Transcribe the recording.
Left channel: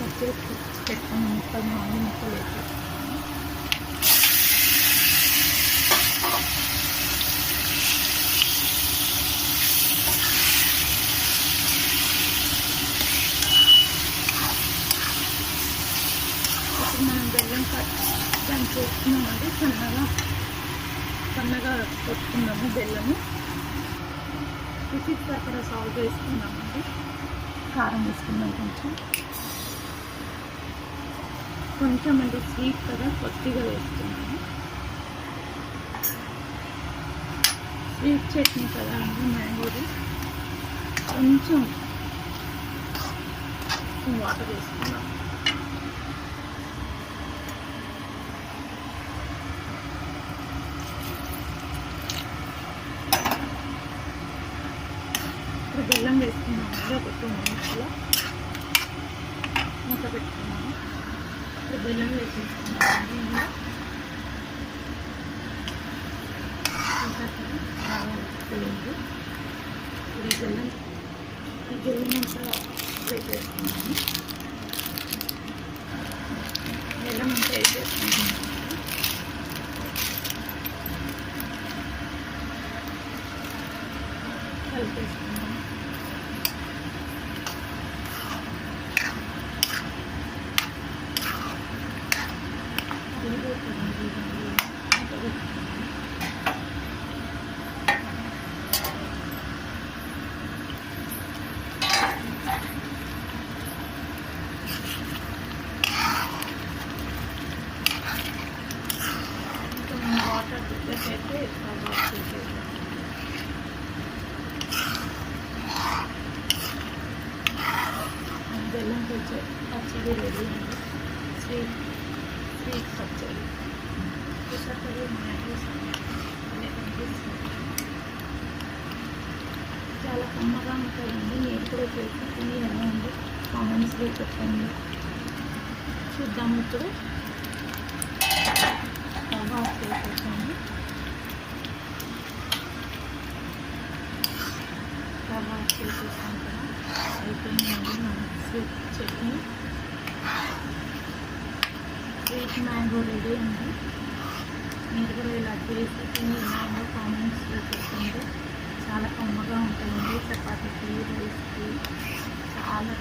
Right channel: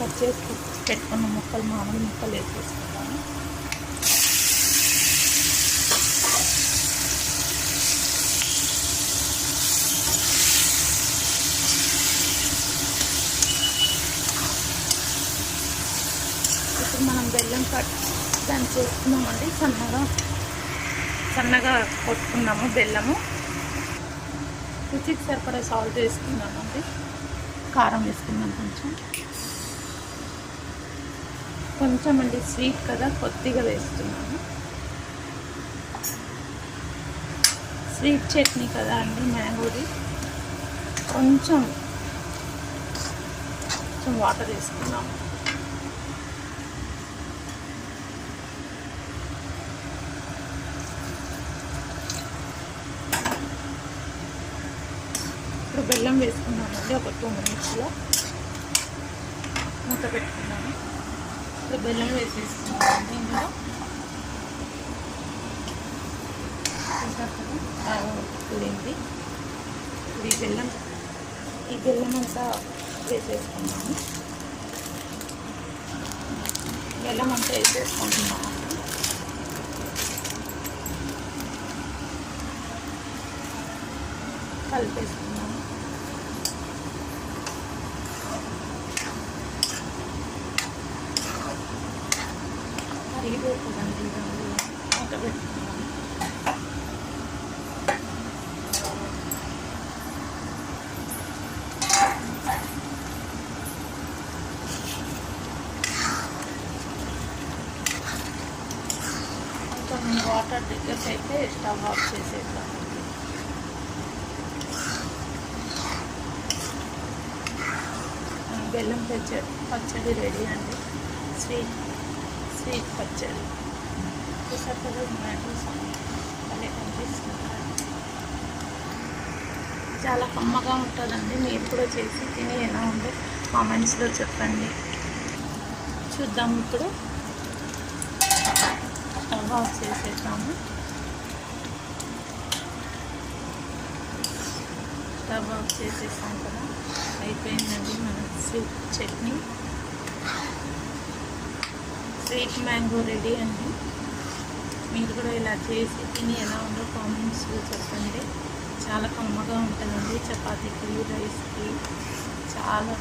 Cut చేసి పెట్టుకున్న ముక్కలు మామూలు ముక్కలు వేసేసుకున్నాను. ఇప్పుడు మనం బెల్లం దాన్ని చేసుకున్నామండి. సన్నగా కొట్టుకున్నాము బెల్లము. రుచికి సరిపడే సాల్ట్ వేసుకున్నామండి. కారం వేసుకున్నాం కొంచెం అండి, స్వీట్ కదా కొద్దిగా వేస్తున్నాను. స్వీట్ చట్నీ కదా అండి మ్యాంగోది. కొంచెం వాటర్ వేసుకున్నాం. ఇప్పుడు బెల్లం వేసుకున్నామండి. ఒక 2 minutesలో మూత పెట్టుకున్నాము. ఇప్పుడు బెల్లం వేసేసుకున్నామండి. ఇందులో ఇప్పుడు ఈ బెల్లం అంతా వేసేసుకున్నాము. బెల్లం అంతా వేసేసుకుంటున్నాము. కలిపేసుకున్నాము. వాటర్ దగ్గరికి అయితే స్టవ్ ఆఫ్ చేసేద్దాం. బెల్లం పచ్చడి రెడీ అండి. స్వీట్ పచ్చడి చూసారు. చాలా కమ్మగా ఉంటుందండి. మీరు కూడా చేసి తిని ఎలా ఉందో కామెంట్స్లో చెప్పండి. చూద్దాం. ఇప్పుడు స్టవ్ ఆఫ్ చేసేద్దాము. స్టవ్ ఆఫ్ చేసేసాం కదా, అయిపోయిందండి మన sweet chutney. Sweet mango ready అండి. మీరు కూడా ఇలా చేసి తిని ఎలా ఉందో కామెంట్స్లో చెప్పండి. చాలా కమ్మగా ఉంటుందండి. చపాతీకి, రైస్కి చాలా